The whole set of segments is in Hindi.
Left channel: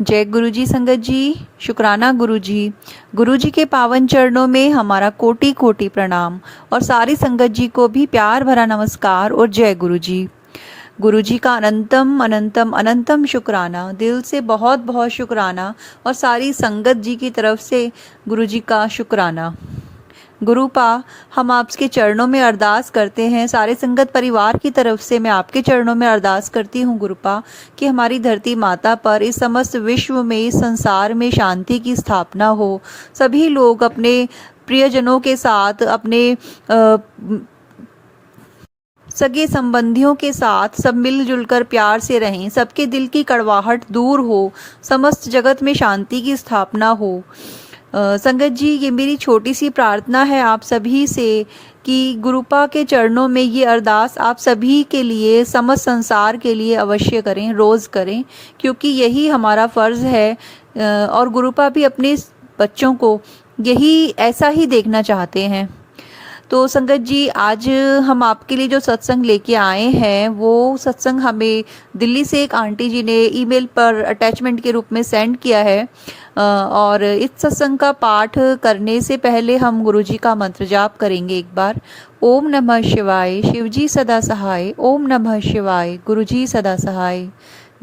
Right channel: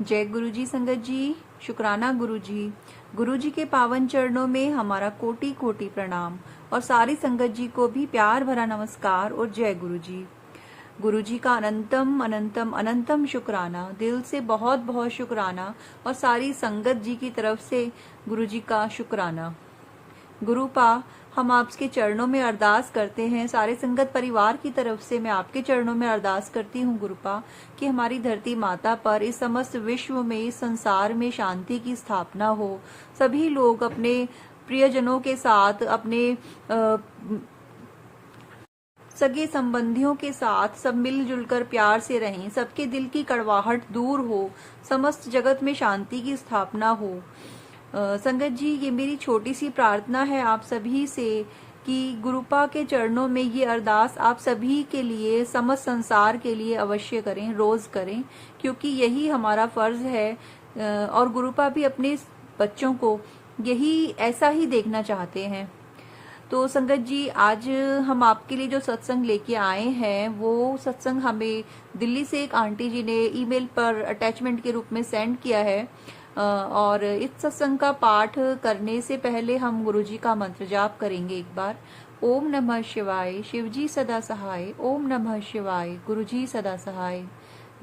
जय गुरु जी संगत जी। शुक्राना गुरु जी। गुरु जी के पावन चरणों में हमारा कोटि कोटि प्रणाम और सारी संगत जी को भी प्यार भरा नमस्कार और जय गुरु जी। गुरु जी का अनंतम अनंतम अनंतम शुक्राना, दिल से बहुत बहुत शुक्राना और सारी संगत जी की तरफ से गुरु जी का शुक्राना। गुरुपा, हम आपके चरणों में अरदास करते हैं, सारे संगत परिवार की तरफ से मैं आपके चरणों में अरदास करती हूँ गुरुपा, कि हमारी धरती माता पर, इस समस्त विश्व में, इस संसार में शांति की स्थापना हो। सभी लोग अपने प्रियजनों के साथ, अपने सगे संबंधियों के साथ सब मिलजुल कर प्यार से रहें, सबके दिल की कड़वाहट दूर हो, समस्त जगत में शांति की स्थापना हो। संगत जी, ये मेरी छोटी सी प्रार्थना है आप सभी से कि गुरुपा के चरणों में ये अरदास आप सभी के लिए, समस्त संसार के लिए अवश्य करें, रोज़ करें, क्योंकि यही हमारा फ़र्ज़ है और गुरुपा भी अपने बच्चों को यही ऐसा ही देखना चाहते हैं। तो संगत जी, आज हम आपके लिए जो सत्संग लेके आए हैं, वो सत्संग हमें दिल्ली से एक आंटी जी ने ईमेल पर अटैचमेंट के रूप में सेंड किया है और इस सत्संग का पाठ करने से पहले हम गुरु जी का मंत्र जाप करेंगे एक बार। ओम नमः शिवाय, शिव जी सदा सहाय। ओम नमः शिवाय, गुरु जी सदा सहाय।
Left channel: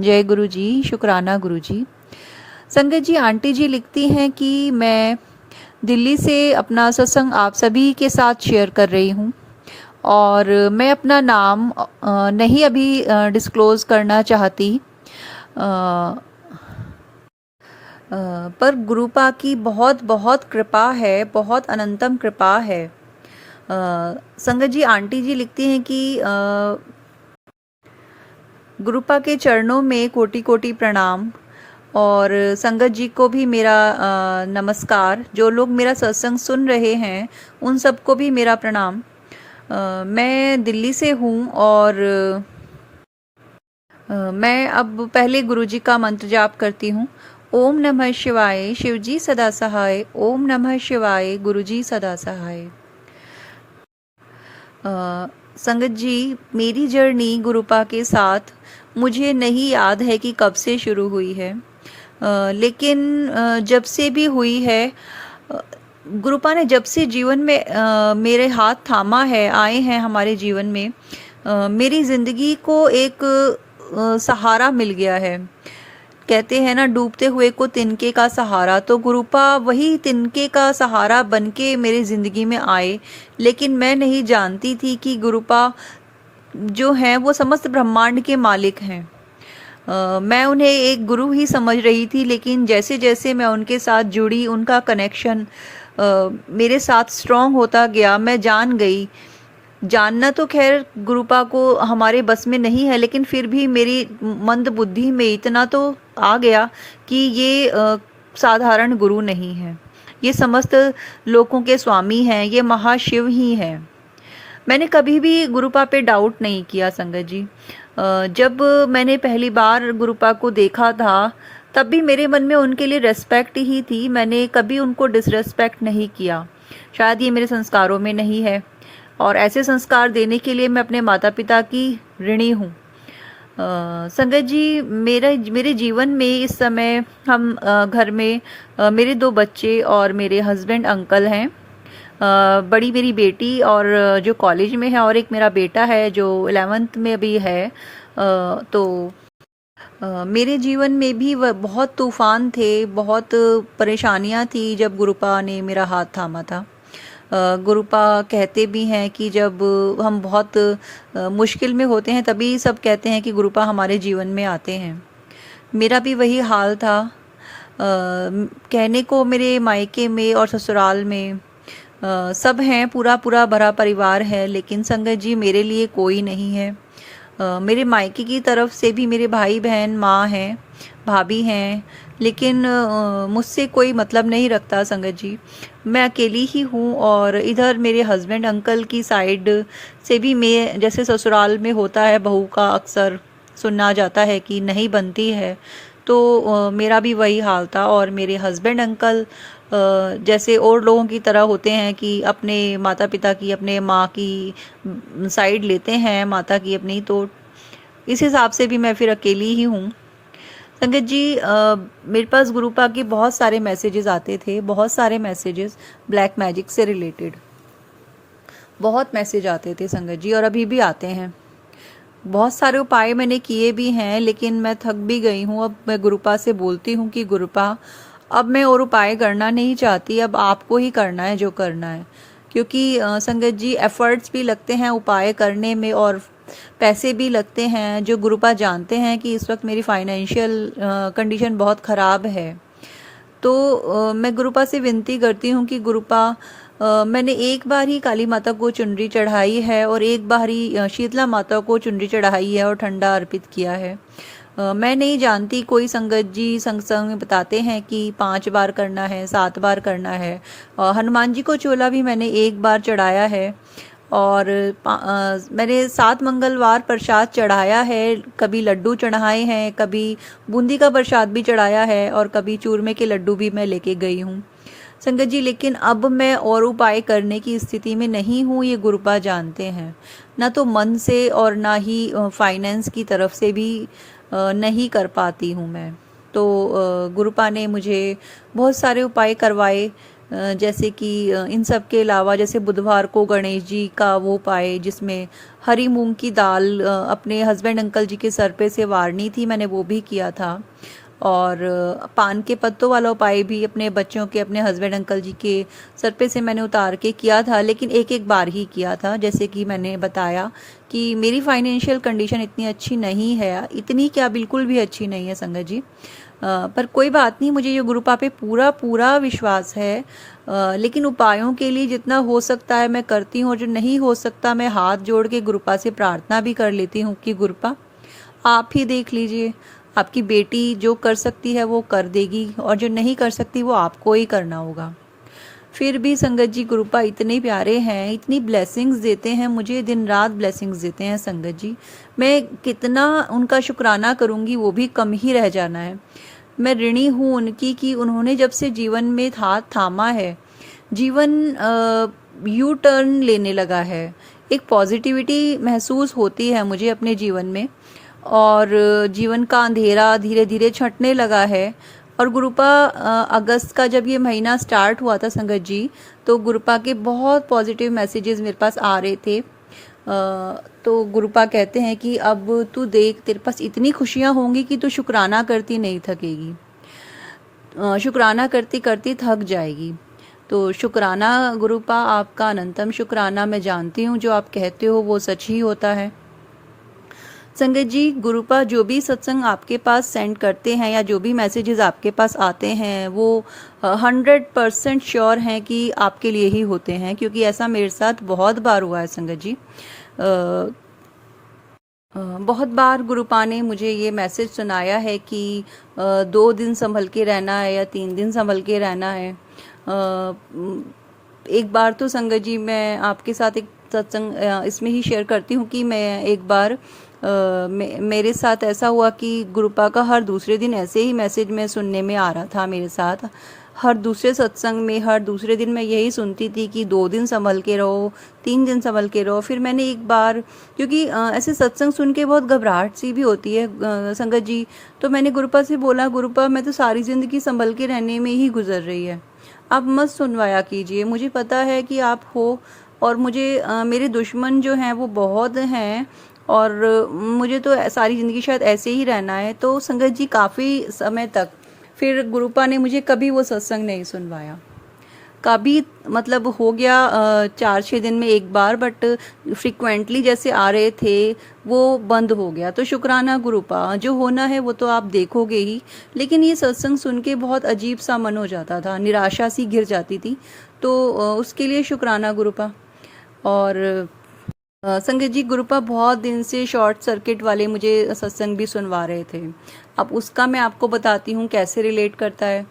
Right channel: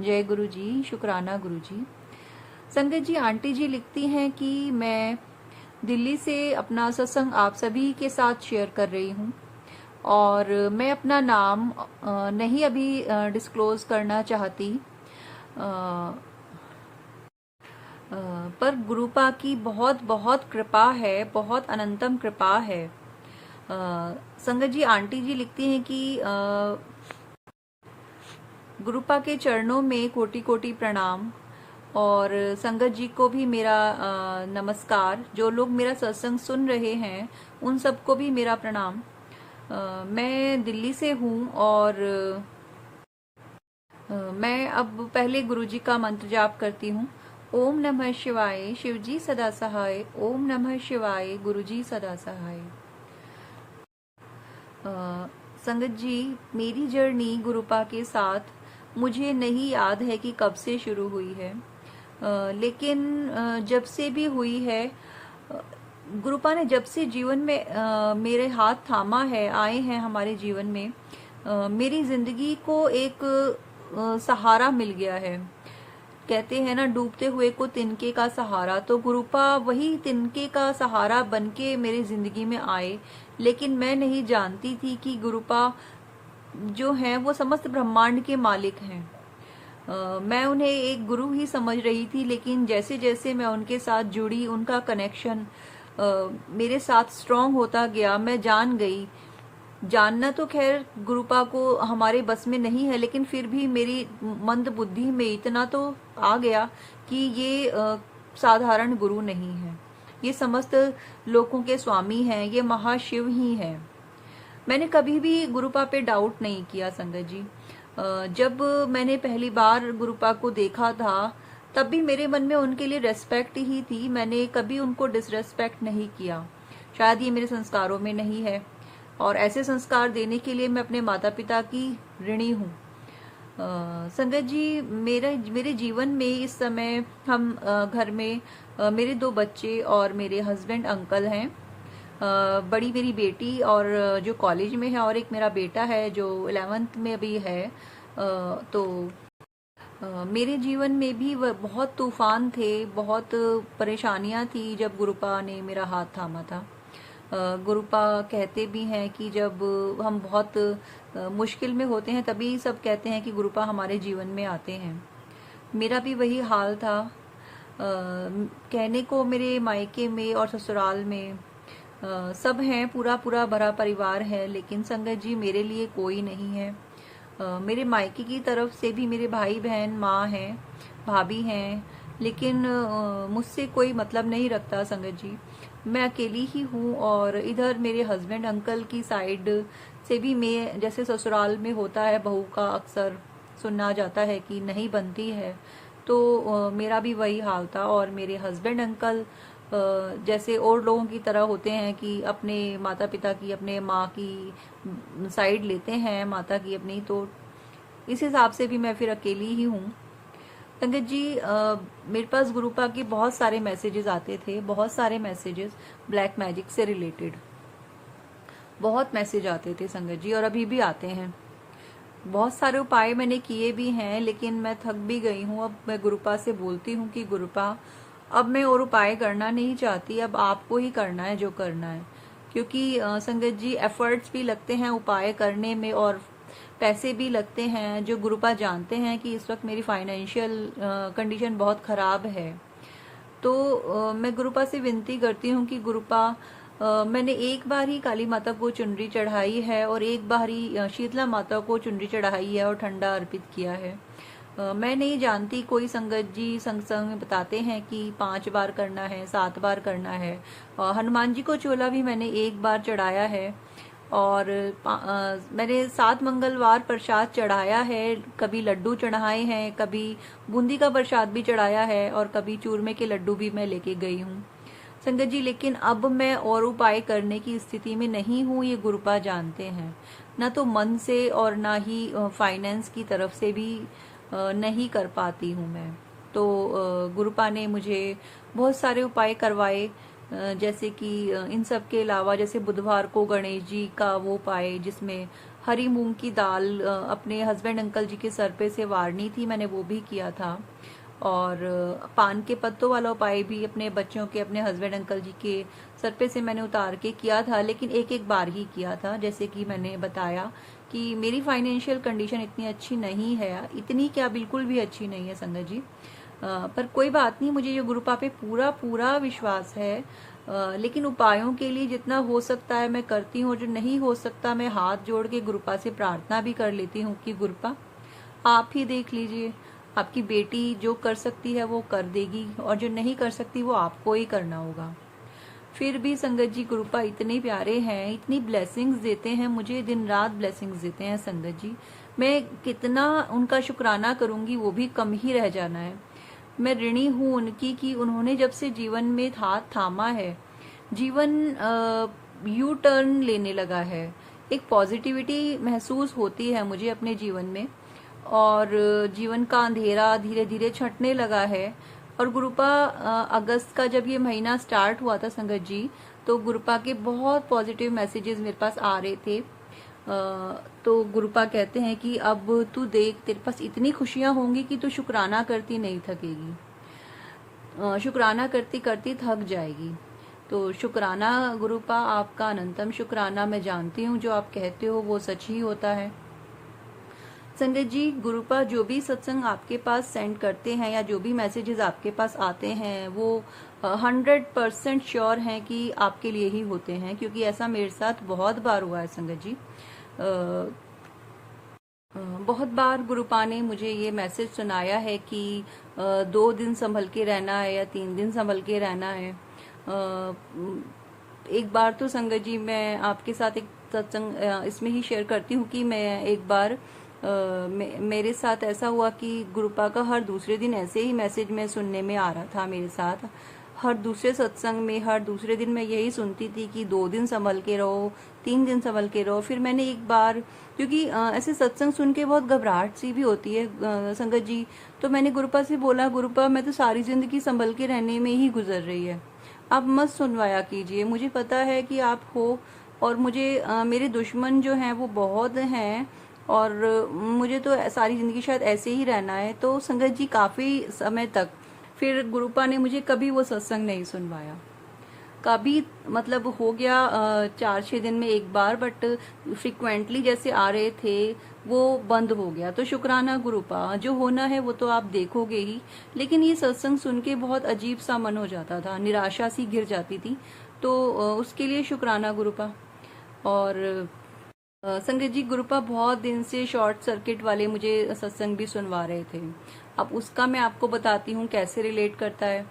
जय गुरु जी। शुक्राना गुरु जी। संगत जी, आंटी जी लिखती हैं कि मैं दिल्ली से अपना सत्संग आप सभी के साथ शेयर कर रही हूँ और मैं अपना नाम नहीं अभी डिस्क्लोज़ करना चाहती, पर गुरुपा की बहुत बहुत कृपा है, बहुत अनंतम कृपा है। संगत जी, आंटी जी लिखती हैं कि गुरुपा के चरणों में कोटि कोटि प्रणाम और संगत जी को भी मेरा नमस्कार। जो लोग मेरा सत्संग सुन रहे हैं उन सबको भी मेरा प्रणाम। मैं दिल्ली से हूँ और मैं अब पहले गुरु जी का मंत्र जाप करती हूँ। ओम नमः शिवाय, शिव जी सदा सहाय। ओम नमः शिवाय, गुरु जी सदा सहाय। संगत जी, मेरी जर्नी गुरुपा के साथ मुझे नहीं याद है कि कब से शुरू हुई है, लेकिन जब से भी हुई है, गुरुपा ने जब से जीवन में मेरे हाथ थामा है, आए हैं हमारे जीवन में, मेरी ज़िंदगी को एक सहारा मिल गया है। कहते हैं ना, डूबते हुए को तिनके का सहारा, तो गुरुपा वही तिनके का सहारा बनके मेरी ज़िंदगी में आए। लेकिन मैं नहीं जानती थी कि गुरुपा जो हैं वो समस्त ब्रह्मांड के मालिक हैं। मैं उन्हें एक गुरु ही समझ रही थी, लेकिन जैसे जैसे मैं उनके साथ जुड़ी, उनका कनेक्शन मेरे साथ स्ट्रॉन्ग होता गया। मैं जान गई, जानना तो खैर गुरुपा को हमारे बस में नहीं है, लेकिन फिर भी मेरी मंद बुद्धि में इतना तो आ गया कि ये साधारण गुरु नहीं है, ये समस्त लोकों के स्वामी हैं, ये महाशिव ही हैं। मैंने कभी भी गुरुपा पे डाउट नहीं किया संगत जी। जब मैंने पहली बार गुरुपा को देखा था, तब भी मेरे मन में उनके लिए रेस्पेक्ट ही थी। मैंने कभी उनको डिसरेस्पेक्ट नहीं किया। शायद ये मेरे संस्कारों में नहीं है और ऐसे संस्कार देने के लिए मैं अपने माता पिता की ऋणी हूँ। संगत जी, मेरे जीवन में इस समय हम घर में मेरे 2 बच्चे और मेरे हस्बैंड अंकल हैं। बड़ी मेरी बेटी और जो कॉलेज में है, और एक मेरा बेटा है जो 11th में अभी है। तो मेरे जीवन में भी वह बहुत तूफ़ान थे, बहुत परेशानियां थी जब गुरुपा ने मेरा हाथ थामा था। गुरुपा कहते भी हैं कि जब हम बहुत मुश्किल में होते हैं, तभी सब कहते हैं कि गुरुपा हमारे जीवन में आते हैं। मेरा भी वही हाल था। कहने को मेरे मायके में और ससुराल में सब हैं, पूरा पूरा भरा परिवार है, लेकिन संगत जी मेरे लिए कोई नहीं है। मेरे मायके की तरफ से भी मेरे भाई बहन, माँ हैं, भाभी हैं, लेकिन मुझसे कोई मतलब नहीं रखता संगत जी। मैं अकेली ही हूँ और इधर मेरे हस्बैंड अंकल की साइड से भी, मैं जैसे ससुराल में होता है, बहू का अक्सर सुनना जाता है कि नहीं बनती है, तो मेरा भी वही हाल था। और मेरे हस्बैंड अंकल जैसे और लोगों की तरह होते हैं कि अपने माता पिता की, अपने माँ की साइड लेते हैं, माता की अपनी, तो इस हिसाब से भी मैं फिर अकेली ही हूँ। संगत जी, मेरे पास गुरुपा के बहुत सारे मैसेजेस आते थे, बहुत सारे मैसेजेस ब्लैक मैजिक से रिलेटेड, बहुत मैसेज आते थे संगत जी, और अभी भी आते हैं। बहुत सारे उपाय मैंने किए भी हैं, लेकिन मैं थक भी गई हूँ। अब मैं गुरुपा से बोलती हूँ कि गुरुपा, अब मैं और उपाय करना नहीं चाहती, अब आपको ही करना है जो करना है। क्योंकि संगत जी, एफर्ट्स भी लगते हैं उपाय करने में और पैसे भी लगते हैं, जो गुरुपा जानते हैं कि इस वक्त मेरी फाइनेंशियल कंडीशन बहुत ख़राब है। तो मैं गुरुपा से विनती करती हूँ कि गुरुपा, मैंने एक बार ही काली माता को चुनरी चढ़ाई है और एक बार ही शीतला माता को चुनरी चढ़ाई है और ठंडा अर्पित किया है। मैं नहीं जानती, कोई संगत जी संग में बताते हैं कि 5 बार करना है, 7 बार करना है। हनुमान जी को चोला भी मैंने एक बार चढ़ाया है, और मैंने 7 मंगलवार प्रसाद चढ़ाया है, कभी लड्डू चढ़ाए हैं, कभी बूंदी का प्रसाद भी चढ़ाया है, और कभी चूरमे के लड्डू भी मैं लेके गई हूँ संगत जी। लेकिन अब मैं और उपाय करने की स्थिति में नहीं हूँ, ये गुरुपा जानते हैं। ना तो मन से और ना ही फाइनेंस की तरफ से भी नहीं कर पाती हूँ मैं। तो गुरुपा ने मुझे बहुत सारे उपाय करवाए, जैसे कि इन सब के अलावा, जैसे बुधवार को गणेश जी का वो उपाय जिसमें हरी मूंग की दाल अपने हस्बैंड अंकल जी के सर पे से वारनी थी, मैंने वो भी किया था। और पान के पत्तों वाला उपाय भी अपने बच्चों के, अपने हस्बैंड अंकल जी के सर पे से मैंने उतार के किया था, लेकिन एक एक बार ही किया था। जैसे कि मैंने बताया कि मेरी फाइनेंशियल कंडीशन इतनी अच्छी नहीं है, इतनी क्या, बिल्कुल भी अच्छी नहीं है संगत जी। पर कोई बात नहीं, मुझे ये गुरुपा पे पूरा पूरा विश्वास है। लेकिन उपायों के लिए जितना हो सकता है मैं करती हूँ, और जो नहीं हो सकता मैं हाथ जोड़ के गुरुपा से प्रार्थना भी कर लेती हूँ कि गुरुपा आप ही देख लीजिए, आपकी बेटी जो कर सकती है वो कर देगी, और जो नहीं कर सकती वो आपको ही करना होगा। फिर भी संगत जी, गुरुपा इतने प्यारे हैं, इतनी ब्लेसिंग्स देते हैं मुझे, दिन रात ब्लेसिंग्स देते हैं संगत जी। मैं कितना उनका शुक्राना करूंगी वो भी कम ही रह जाना है। मैं ऋणी हूँ उनकी कि उन्होंने जब से जीवन में हाथ थामा है, जीवन यू टर्न लेने लगा है। एक पॉजिटिविटी महसूस होती है मुझे अपने जीवन में, और जीवन का अंधेरा धीरे धीरे छंटने लगा है। और गुरुपा, अगस्त का जब ये महीना स्टार्ट हुआ था संगत जी, तो गुरुपा के बहुत पॉजिटिव मैसेजेस मेरे पास आ रहे थे। तो गुरुपा कहते हैं कि अब तू देख, तेरे पास इतनी खुशियाँ होंगी कि तू शुक्राना करती नहीं थकेगी, शुक्राना करती करती थक जाएगी। तो शुक्राना गुरुपा, आपका अनंतम शुक्राना। मैं जानती हूँ जो आप कहते हो वो सच ही होता है संगत जी। गुरुपा जो भी सत्संग आपके पास सेंड करते हैं या जो भी मैसेजेस आपके पास आते हैं, वो 100% श्योर हैं कि आपके लिए ही होते हैं, क्योंकि ऐसा मेरे साथ बहुत बार हुआ है संगत जी। बहुत बार गुरुपा ने मुझे ये मैसेज सुनाया है कि 2 दिन संभल के रहना है या 3 दिन संभल के रहना है। एक बार तो संगत जी, मैं आपके साथ एक सत्संग इसमें ही शेयर करती हूँ कि मैं एक बार मेरे साथ ऐसा हुआ कि गुरुपा का हर दूसरे दिन ऐसे ही मैसेज में सुनने में आ रहा था मेरे साथ। हर दूसरे सत्संग में हर दूसरे दिन मैं यही सुनती थी कि 2 दिन संभल के रहो, 3 दिन संभल के रहो। फिर मैंने एक बार, क्योंकि ऐसे सत्संग सुन के बहुत घबराहट सी भी होती है संगत जी, तो मैंने गुरुपा से बोला, गुरुपा मैं तो सारी ज़िंदगी संभल के रहने में ही गुजर रही है, आप मत सुनवाया कीजिए। मुझे पता है कि आप हो, और मुझे मेरे दुश्मन जो हैं वो बहुत हैं, और मुझे तो सारी ज़िंदगी शायद ऐसे ही रहना है। तो संगत जी, काफ़ी समय तक फिर गुरुपा ने मुझे कभी वो सत्संग नहीं सुनवाया, कभी, मतलब हो गया 4-6 दिन में एक बार, बट फ्रिक्वेंटली जैसे आ रहे थे वो बंद हो गया। तो शुक्राना गुरुपा, जो होना है वो तो आप देखोगे ही, लेकिन ये सत्संग सुन के बहुत अजीब सा मन हो जाता था, निराशा सी घिर जाती थी। तो उसके लिए शुक्राना गुरुपा। और संगत जी, गुरुपा बहुत दिन से शॉर्ट सर्किट वाले मुझे सत्संग भी सुनवा रहे थे। अब उसका मैं आपको बताती हूँ कैसे रिलेट करता है।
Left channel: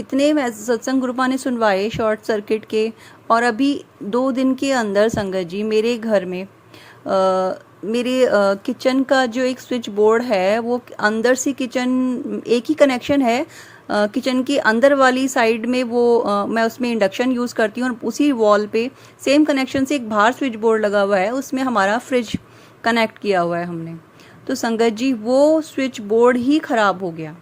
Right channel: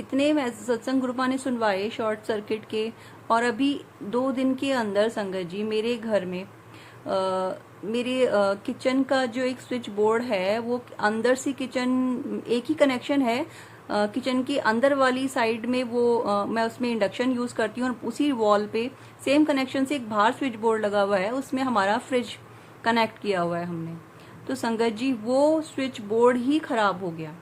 इतने सत्संग गुरुपा ने सुनवाए शॉर्ट सर्किट के, और अभी 2 दिन के अंदर संगत जी मेरे घर में मेरे किचन का जो एक स्विच बोर्ड है, वो अंदर से किचन एक ही कनेक्शन है, किचन की अंदर वाली साइड में वो मैं उसमें इंडक्शन यूज़ करती हूँ, और उसी वॉल पे सेम कनेक्शन से एक बाहर स्विच बोर्ड लगा हुआ है, उसमें हमारा फ्रिज कनेक्ट किया हुआ है हमने। तो संगत जी, वो स्विच बोर्ड ही ख़राब हो गया,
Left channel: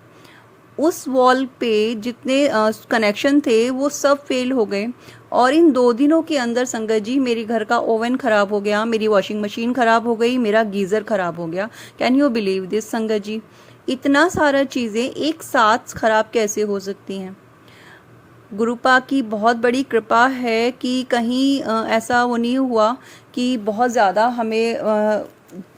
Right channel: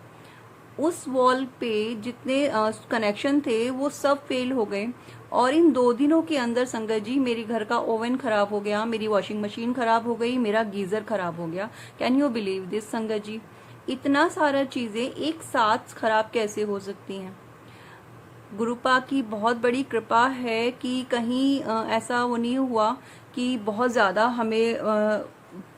उस वॉल पे जितने कनेक्शन थे वो सब फेल हो गए। और इन 2 दिनों के अंदर संगत जी मेरी घर का ओवन ख़राब हो गया, मेरी वॉशिंग मशीन ख़राब हो गई, मेरा गीज़र ख़राब हो गया। कैन यू बिलीव दिस संगत जी? इतना सारा चीज़ें एक साथ ख़राब कैसे हो सकती हैं? गुरुपा की बहुत बड़ी कृपा है कि कहीं ऐसा वो नहीं हुआ कि बहुत ज़्यादा हमें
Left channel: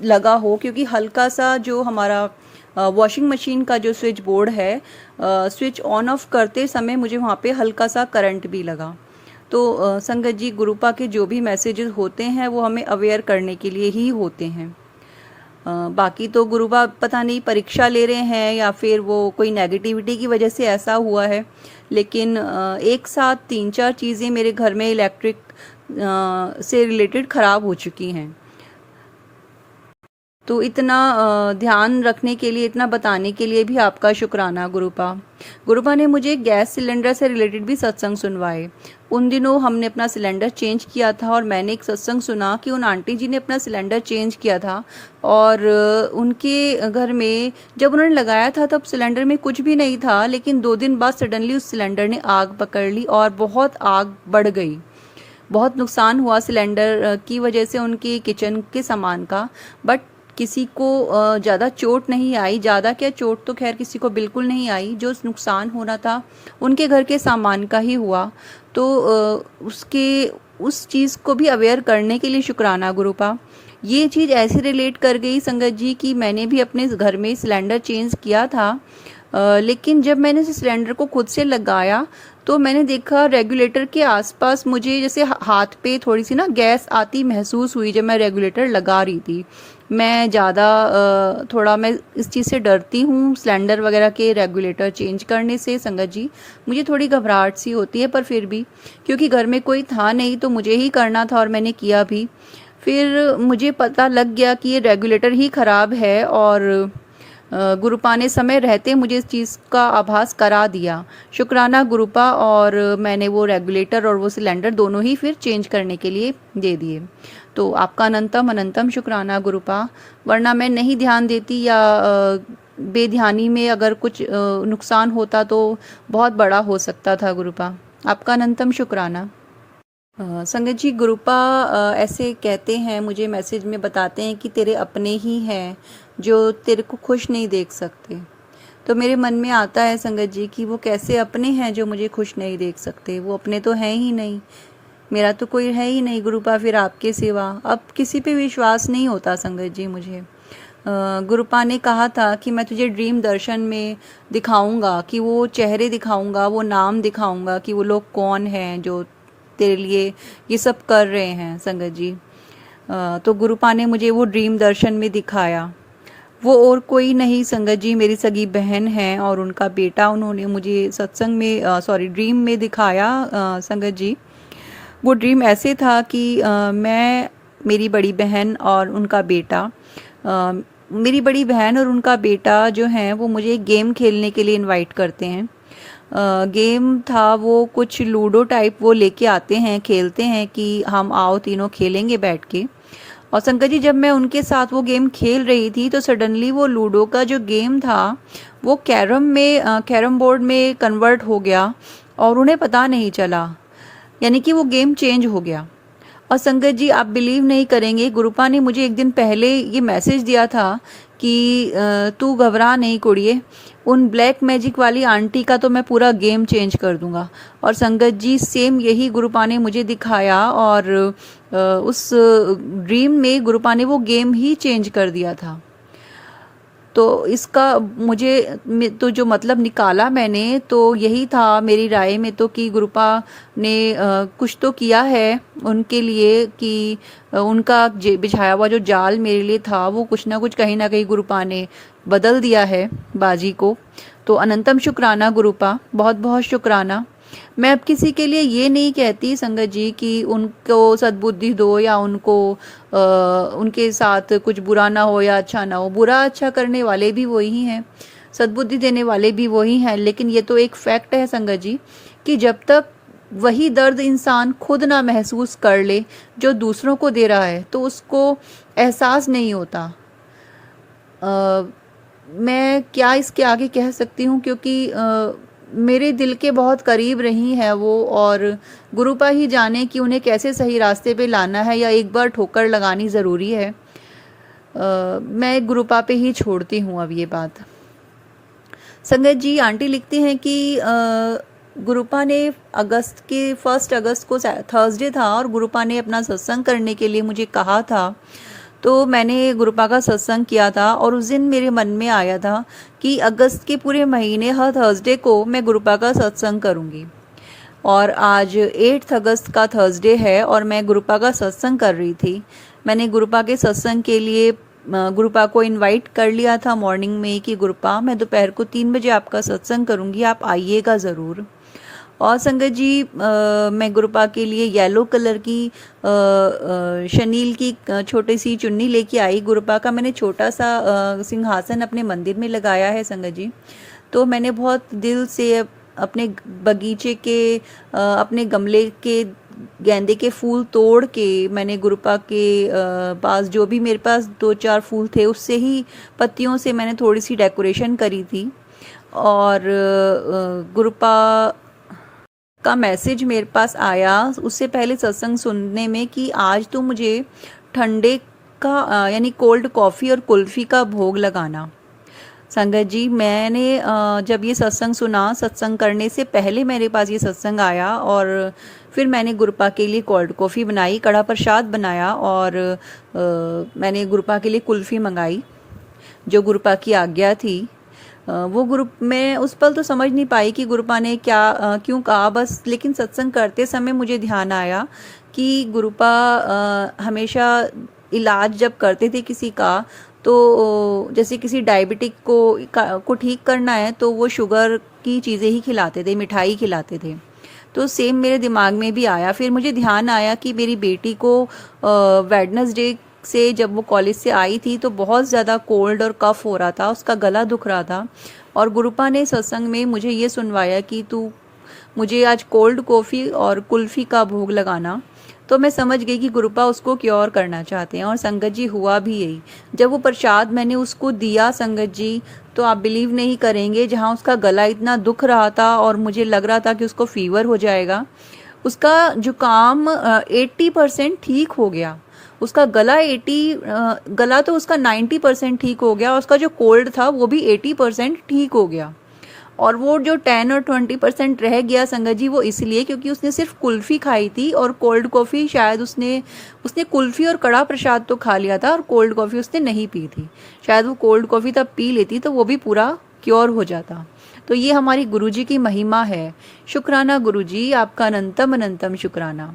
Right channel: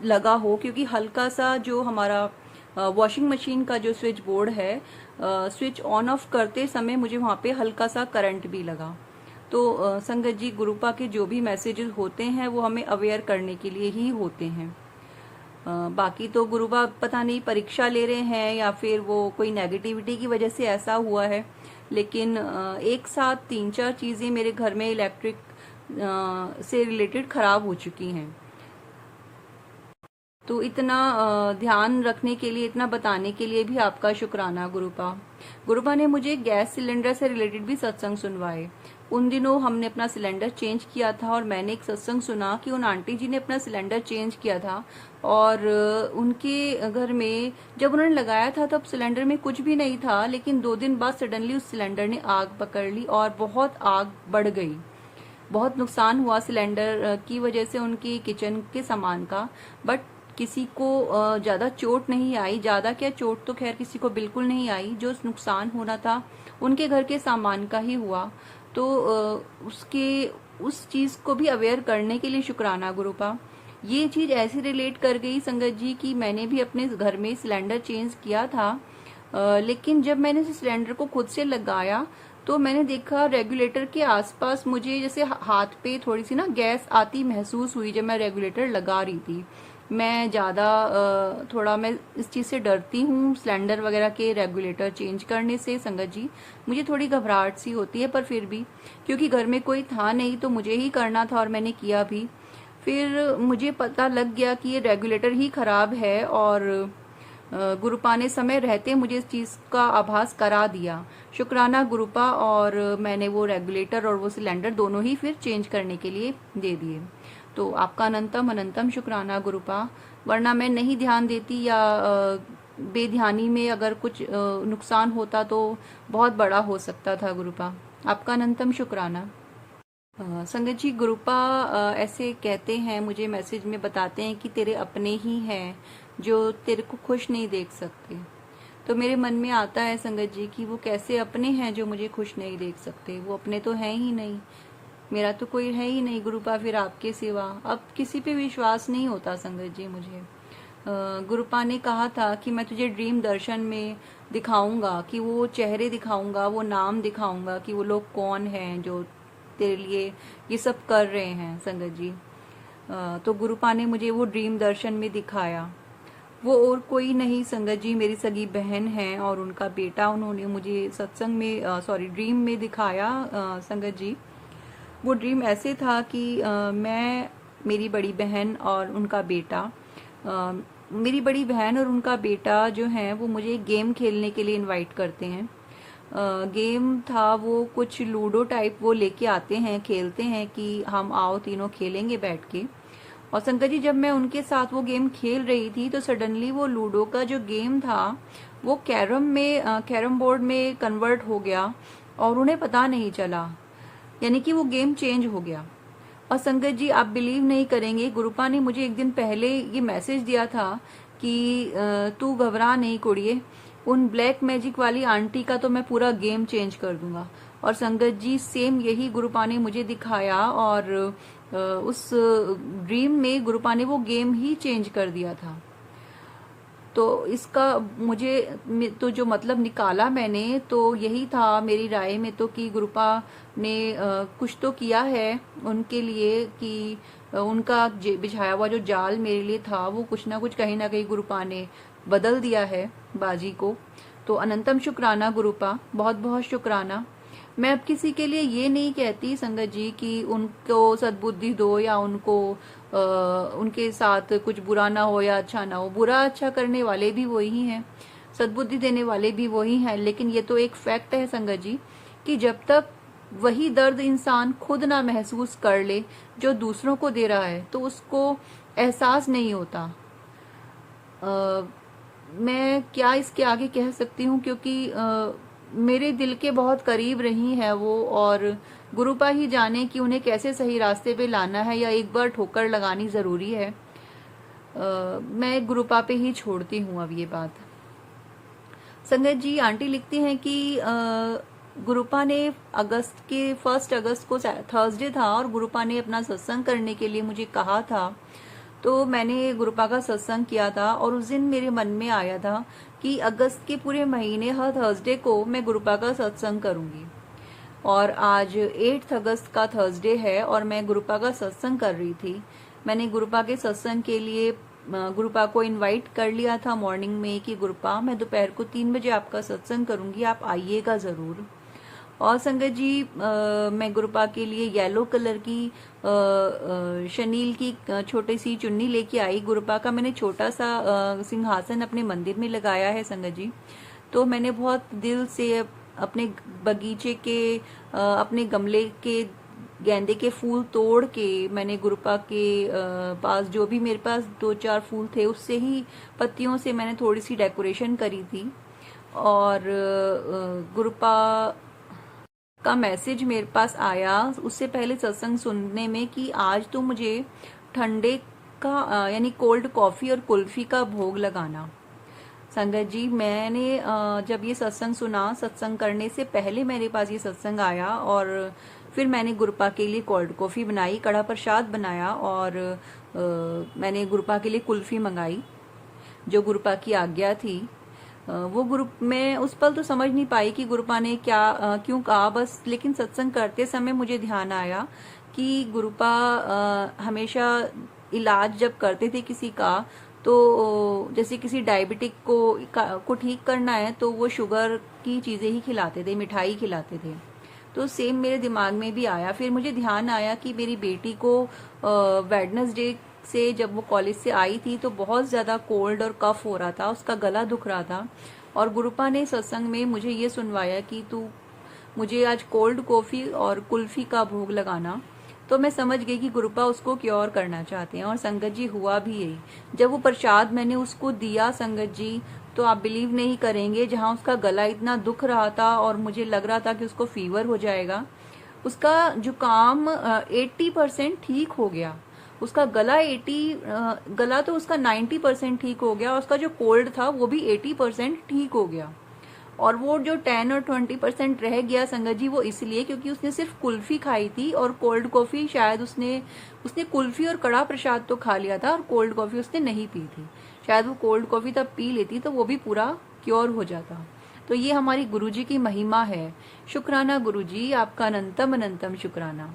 लगा हो, क्योंकि हल्का सा जो हमारा वॉशिंग मशीन का जो स्विच बोर्ड है, स्विच ऑन ऑफ करते समय मुझे वहाँ पे हल्का सा करंट भी लगा। तो संगत जी गुरुपा के जो भी मैसेजेस होते हैं वो हमें अवेयर करने के लिए ही होते हैं। बाकी तो गुरुबा पता नहीं परीक्षा ले रहे हैं या फिर वो कोई नेगेटिविटी की वजह से ऐसा हुआ है, लेकिन एक साथ 3-4 चीज़ें मेरे घर में इलेक्ट्रिक से रिलेटेड ख़राब हो चुकी हैं। तो इतना ध्यान रखने के लिए, इतना बताने के लिए भी आपका शुक्राना गुरुपा। गुरुपा ने मुझे गैस सिलेंडर से रिलेटेड भी सत्संग सुनवाए। उन दिनों हमने अपना सिलेंडर चेंज किया था और मैंने एक सत्संग सुना कि उन आंटी जी ने अपना सिलेंडर चेंज किया था और उनके घर में जब उन्होंने लगाया था तब सिलेंडर में कुछ भी नहीं था, लेकिन 2 दिन बाद सडनली उस सिलेंडर ने आग पकड़ ली और बहुत आग बढ़ गई। बहुत नुकसान हुआ सिलेंडर की वजह से उनकी किचन के सामान का, बट किसी को ज़्यादा चोट नहीं आई। ज़्यादा क्या, चोट तो खैर किसी को बिल्कुल नहीं आई। जो नुकसान होना था उनके घर के सामान का ही हुआ। तो उसके उस चीज़ को भी अवेयर करने के लिए शुक्राना गुरुपा। ये चीज़ ऐसे रिलेट कर गई संगत जी कि मैंने भी अपने घर में सिलेंडर चेंज किया था, लेकिन जब मैंने उस सिलेंडर को खुद से लगाया तो मैंने देखा रेगुलेटर के आसपास मुझे जैसे हाथ पे थोड़ी सी ना गैस आती महसूस हुई जब मैं रेगुलेटर लगा रही थी। मैं ज़्यादा थोड़ा मैं इस चीज़ से डरती हूँ, सिलेंडर वगैरह के रेगुलेटर चेंज करने से संगत जी। मुझे थोड़ी घबराहट सी होती है, पर फिर भी क्योंकि घर में कोई था नहीं तो मुझे ही करना था और मैंने किया भी। फिर मुझे पता लग गया कि ये रेगुलेटर ही ख़राब है और गुरुपा ने समय रहते मुझे इस चीज़ का आभास करा दिया। शुक्राना गुरुपा। और मैंने वो रेगुलेटर और वो सिलेंडर दोनों ही फिर चेंज करने के लिए दे दिए। तो आपका अनंतम अनंतम शुक्राना गुरुपा, वरना मैं नहीं ध्यान देती या बेध्यानी में अगर कुछ नुकसान होता तो बहुत बड़ा हो सकता था गुरुपा। आपका अनंतम शुक्राना। संगत जी गुरुपा ऐसे कहते हैं, मुझे मैसेज में बताते हैं कि तेरे अपने ही हैं जो तेरे को खुश नहीं देख सकते। तो मेरे मन में आता है संगत जी कि वो कैसे अपने हैं जो मुझे खुश नहीं देख सकते? वो अपने तो हैं ही नहीं, मेरा तो कोई है ही नहीं गुरुपा फिर आपके सिवा। अब किसी पे विश्वास नहीं होता संगत जी मुझे। गुरुपा ने कहा था कि मैं तुझे ड्रीम दर्शन में दिखाऊंगा, कि वो चेहरे दिखाऊंगा, वो नाम दिखाऊंगा कि वो लोग कौन हैं जो तेरे लिए ये सब कर रहे हैं संगत जी। तो गुरुपा ने मुझे वो ड्रीम दर्शन में दिखाया। वो और कोई नहीं संगत जी, मेरी सगी बहन है और उनका बेटा उन्होंने मुझे सत्संग में ड्रीम में दिखाया संगत जी। वो ड्रीम ऐसे था कि मैं, मेरी बड़ी बहन और उनका बेटा, मेरी बड़ी बहन और उनका बेटा जो हैं वो मुझे गेम खेलने के लिए इनवाइट करते हैं। गेम था वो कुछ लूडो टाइप, वो लेके आते हैं, खेलते हैं कि हम आओ तीनों खेलेंगे बैठ के। और संगत जी जब मैं उनके साथ वो गेम खेल रही थी तो सडनली वो लूडो का जो गेम था वो कैरम बोर्ड में कन्वर्ट हो गया और उन्हें पता नहीं चला, यानी कि वो गेम चेंज हो गया। और संगत जी आप बिलीव नहीं करेंगे, गुरुपा ने मुझे एक दिन पहले ये मैसेज दिया था कि तू घबरा नहीं कुड़िए, उन ब्लैक मैजिक वाली आंटी का तो मैं पूरा गेम चेंज कर दूंगा। और संगत जी सेम यही गुरुपा ने मुझे दिखाया और उस ड्रीम में गुरुपा ने वो गेम ही चेंज कर दिया था। तो इसका मुझे तो जो मतलब निकाला मैंने तो यही था मेरी राय में तो, कि गुरुपा ने कुछ तो किया है उनके लिए, कि उनका बिछाया हुआ जो जाल मेरे लिए था वो कुछ ना कुछ कहीं ना कहीं गुरुपा ने बदल दिया है बाजी को। तो अनंतम शुक्राना गुरुपा, बहुत बहुत शुक्राना। मैं अब किसी के लिए ये नहीं कहती संगत जी कि उनको सद्बुद्धि दो या उनको उनके साथ कुछ बुरा ना हो या अच्छा ना हो। बुरा अच्छा करने वाले भी वही हैं, सद्बुद्धि देने वाले भी वही हैं, लेकिन ये तो एक फैक्ट है संगत जी कि जब तक वही दर्द इंसान खुद ना महसूस कर ले जो दूसरों को दे रहा है तो उसको एहसास नहीं होता। मैं क्या इसके आगे कह सकती हूँ, क्योंकि मेरे दिल के बहुत करीब रही हैं वो, और गुरुपा ही जाने कि उन्हें कैसे सही रास्ते पे लाना है या एक बार ठोकर लगानी ज़रूरी है। मैं गुरुपा पे ही छोड़ती हूँ अब ये बात। संगत जी, आंटी लिखती हैं कि गुरुपा ने फर्स्ट अगस्त को थर्सडे था और गुरुपा ने अपना सत्संग करने के लिए मुझे कहा था। तो मैंने गुरुपा का सत्संग किया था और उस दिन मेरे मन में आया था कि अगस्त के पूरे महीने हर थर्सडे को मैं गुरुपा का सत्संग करूँगी। और आज 8 अगस्त का थर्सडे है और मैं गुरुपा का सत्संग कर रही थी। मैंने गुरुपा के सत्संग के लिए गुरुपा को इनवाइट कर लिया था मॉर्निंग में कि गुरुपा, मैं दोपहर को 3 बजे आपका सत्संग करूँगी, आप आइएगा ज़रूर। और संगत जी, मैं गुरुपा के लिए येलो कलर की शनील की छोटी सी चुन्नी लेके आई। गुरुपा का मैंने छोटा सा सिंहासन अपने मंदिर में लगाया है संगत जी। तो मैंने बहुत दिल से अपने बगीचे के अपने गमले के गेंदे के फूल तोड़ के मैंने गुरुपा के पास जो भी मेरे पास 2-4 फूल थे उससे ही पत्तियों से मैंने थोड़ी सी डेकोरेशन करी थी। और गुरुपा का मैसेज मेरे पास आया उससे पहले सत्संग सुनने में कि आज तो मुझे ठंडे का यानी कोल्ड कॉफ़ी और कुल्फ़ी का भोग लगाना। संगत जी, मैंने जब ये सत्संग सुना, सत्संग करने से पहले मेरे पास ये सत्संग आया और फिर मैंने गुरुपा के लिए कोल्ड कॉफ़ी बनाई, कड़ा प्रसाद बनाया और मैंने गुरुपा के लिए कुल्फ़ी मंगाई जो गुरुपा की आज्ञा थी। वो ग्रुप में उस पल तो समझ नहीं पाई कि गुरुपा ने क्या क्यों कहा बस, लेकिन सत्संग करते समय मुझे ध्यान आया कि गुरुपा हमेशा इलाज जब करते थे किसी का, तो जैसे किसी डायबिटिक को ठीक करना है तो वो शुगर की चीज़ें ही खिलाते थे, मिठाई खिलाते थे। तो सेम मेरे दिमाग में भी आया। फिर मुझे ध्यान आया कि मेरी बेटी को वेडनेसडे से जब वो कॉलेज से आई थी तो बहुत ज़्यादा कोल्ड और कफ हो रहा था, उसका गला दुख रहा था और गुरुपा ने सत्संग में मुझे ये सुनवाया कि तू मुझे आज कोल्ड कॉफ़ी और कुल्फ़ी का भोग लगाना। तो मैं समझ गई कि गुरुपा उसको क्योर करना चाहते हैं और संगत जी हुआ भी यही। जब वो प्रसाद मैंने उसको दिया संगत जी, तो आप बिलीव नहीं करेंगे, जहाँ उसका गला इतना दुख रहा था और मुझे लग रहा था कि उसको फीवर हो जाएगा, उसका जुकाम 80% ठीक हो गया। उसका गला तो उसका 90% ठीक हो गया, उसका जो कोल्ड था वो भी 80% ठीक हो गया। और वो जो 10 और 20% रह गया संगत जी, वो इसलिए क्योंकि उसने सिर्फ कुल्फ़ी खाई थी और कोल्ड कॉफ़ी शायद उसने कुल्फ़ी और कड़ा प्रसाद तो खा लिया था और कोल्ड कॉफ़ी उसने नहीं पी थी। शायद वो कोल्ड कॉफ़ी तब पी लेती तो वो भी पूरा क्योर हो जाता। तो ये हमारी गुरुजी की महिमा है। शुक्राना गुरुजी, आपका अनंतम अनंतम शुक्राना।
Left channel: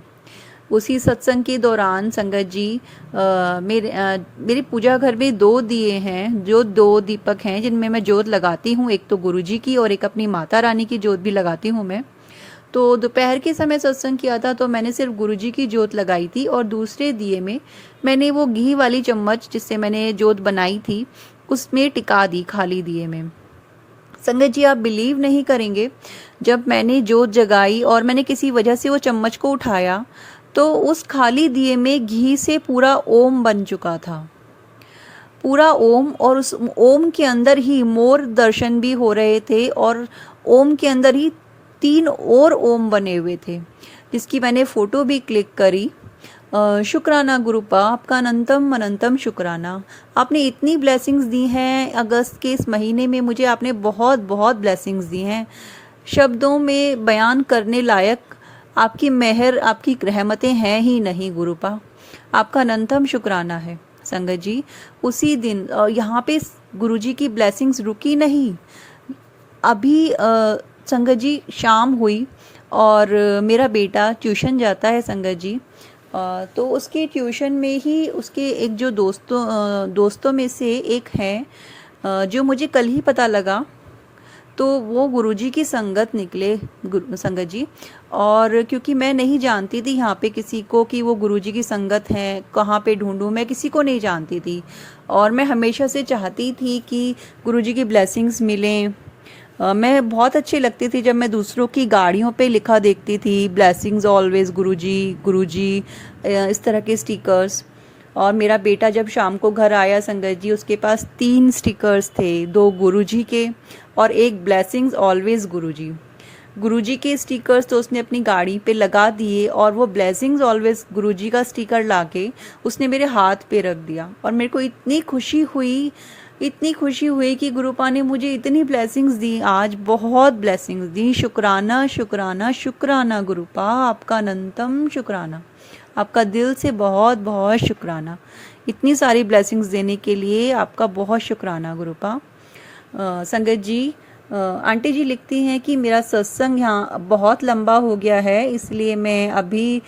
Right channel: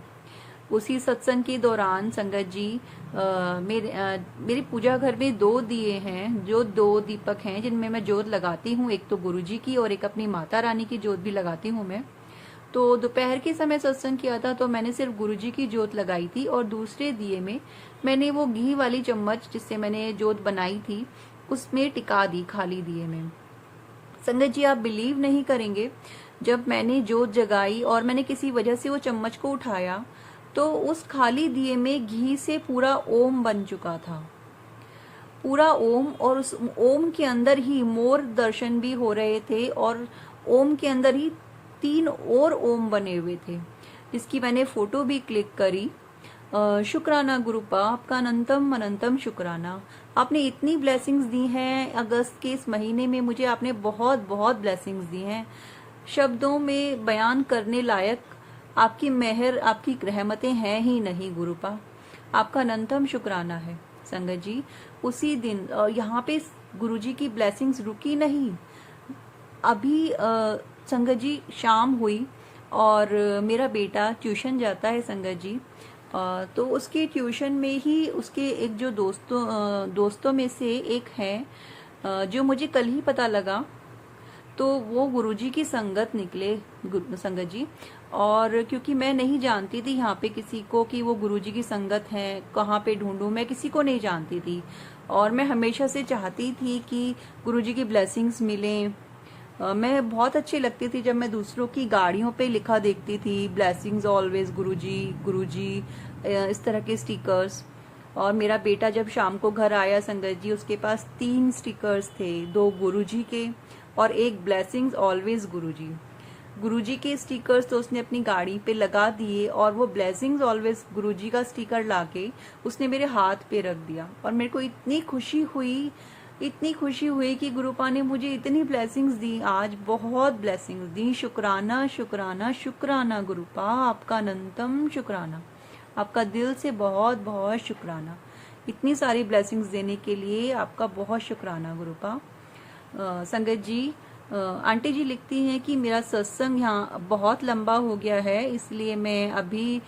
उसी सत्संग के दौरान संगत जी मेरी पूजा घर में 2 दिए हैं, जो 2 दीपक हैं जिनमें मैं जोत लगाती हूँ, एक तो गुरुजी की और एक अपनी माता रानी की जोत भी लगाती हूँ मैं। तो दोपहर के समय सत्संग किया था तो मैंने सिर्फ गुरुजी की जोत लगाई थी और दूसरे दिए में मैंने वो घी वाली चम्मच जिससे मैंने जोत बनाई थी उसमें टिका दी, खाली दिए में। संगत जी, आप बिलीव नहीं करेंगे, जब मैंने जोत जगाई और मैंने किसी वजह से वो चम्मच को उठाया तो उस खाली दिए में घी से पूरा ओम बन चुका था, पूरा ओम। और उस ओम के अंदर ही मोर दर्शन भी हो रहे थे और ओम के अंदर ही 3 और ओम बने हुए थे, जिसकी मैंने फ़ोटो भी क्लिक करी। शुक्राना गुरुपा, आपका अनंतम अनंतम शुक्राना। आपने इतनी ब्लेसिंग्स दी हैं अगस्त के इस महीने में, मुझे आपने बहुत बहुत ब्लेसिंग्स दी हैं, शब्दों में बयान करने लायक आपकी मेहर, आपकी रहमतें हैं ही नहीं गुरुपा। आपका अनंतम शुक्राना है संगत जी। उसी दिन यहाँ पे गुरुजी की ब्लेसिंग्स रुकी नहीं। अभी संगत जी शाम हुई और मेरा बेटा ट्यूशन जाता है संगत जी। तो उसके ट्यूशन में ही उसके एक जो दोस्तों में से एक हैं जो मुझे कल ही पता लगा, तो वो गुरुजी की संगत निकले संगत जी। और क्योंकि मैं नहीं जानती थी यहाँ पे किसी को कि वो गुरुजी की संगत हैं, कहाँ पे ढूंढूं, मैं किसी को नहीं जानती थी और मैं हमेशा से चाहती थी कि गुरुजी की ब्लेसिंग्स मिलें। मैं बहुत अच्छी लगती थी जब मैं दूसरों की गाड़ियों पे लिखा देखती थी, ब्लेसिंग्स ऑलवेज गुरुजी गुरुजी, इस तरह के स्टिकर्स। और मेरा बेटा जब शाम को घर आया संगत जी, उसके पास 3 स्टिकर्स थे, 2 गुरुजी के और एक ब्लेसिंग्स ऑलवेज गुरुजी। गुरुजी के स्टिकर्स तो उसने अपनी गाड़ी पे लगा दिए और वो ब्लेसिंग्स ऑलवेज गुरुजी का स्टिकर लाके उसने मेरे हाथ पे रख दिया। और मेरे को इतनी खुशी हुई, इतनी खुशी हुई कि गुरुपा ने मुझे इतनी ब्लेसिंग्स दी, आज बहुत ब्लेसिंग्स दी। शुक्राना शुक्राना शुक्राना गुरुपा, आपका अनंतम शुक्राना, आपका दिल से बहुत बहुत शुक्राना। इतनी सारी ब्लेसिंग्स देने के लिए आपका बहुत शुक्राना गुरुपा। संगत जी, आंटी जी लिखती हैं कि मेरा सत्संग यहाँ बहुत लंबा हो गया है, इसलिए मैं अभी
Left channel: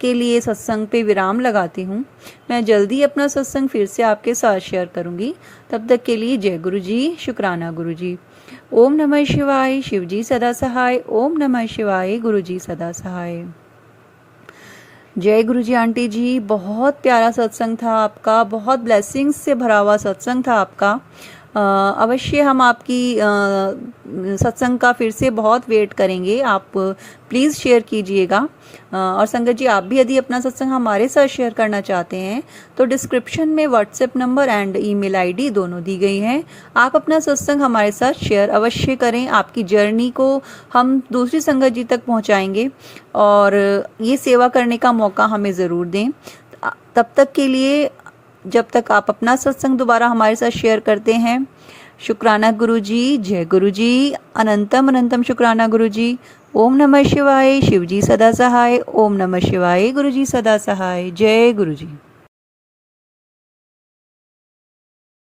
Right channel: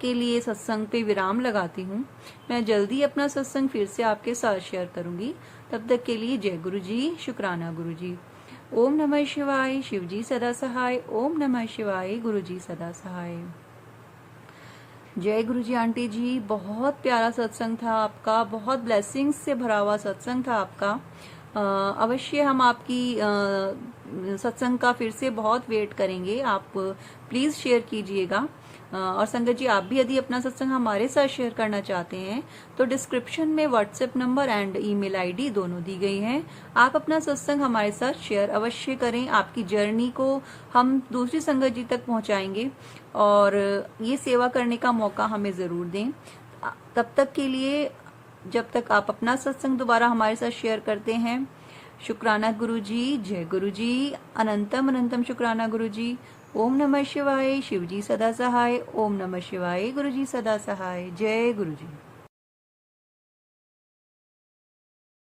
के लिए सत्संग पे विराम लगाती हूँ। मैं जल्दी अपना सत्संग फिर से आपके साथ शेयर करूँगी। तब तक के लिए जय गुरु जी, शुक्राना गुरु जी। ओम नमः शिवाय, शिव जी सदा सहाय। ओम नमः शिवाय, गुरु जी सदा सहाय। जय गुरु जी आंटी जी, बहुत प्यारा सत्संग था आपका, बहुत ब्लेसिंग्स से भरा हुआ सत्संग था आपका। अवश्य हम आपकी सत्संग का फिर से बहुत वेट करेंगे, आप प्लीज़ शेयर कीजिएगा। और संगत जी, आप भी यदि अपना सत्संग हमारे साथ शेयर करना चाहते हैं तो डिस्क्रिप्शन में WhatsApp number and email ID दोनों दी गई हैं। आप अपना सत्संग हमारे साथ शेयर अवश्य करें, आपकी जर्नी को हम दूसरी संगत जी तक पहुंचाएंगे और ये सेवा करने का मौका हमें ज़रूर दें। तब तक के लिए, जब तक आप अपना सत्संग दोबारा हमारे साथ शेयर करते हैं, शुक्राना गुरु जी, जय गुरु जी, अनंतम अनंतम शुक्राना गुरु जी। ओम नमः शिवाय, शिव जी सदा सहाय। ओम नमः शिवाय, गुरु जी सदा सहाय। जय गुरु जी।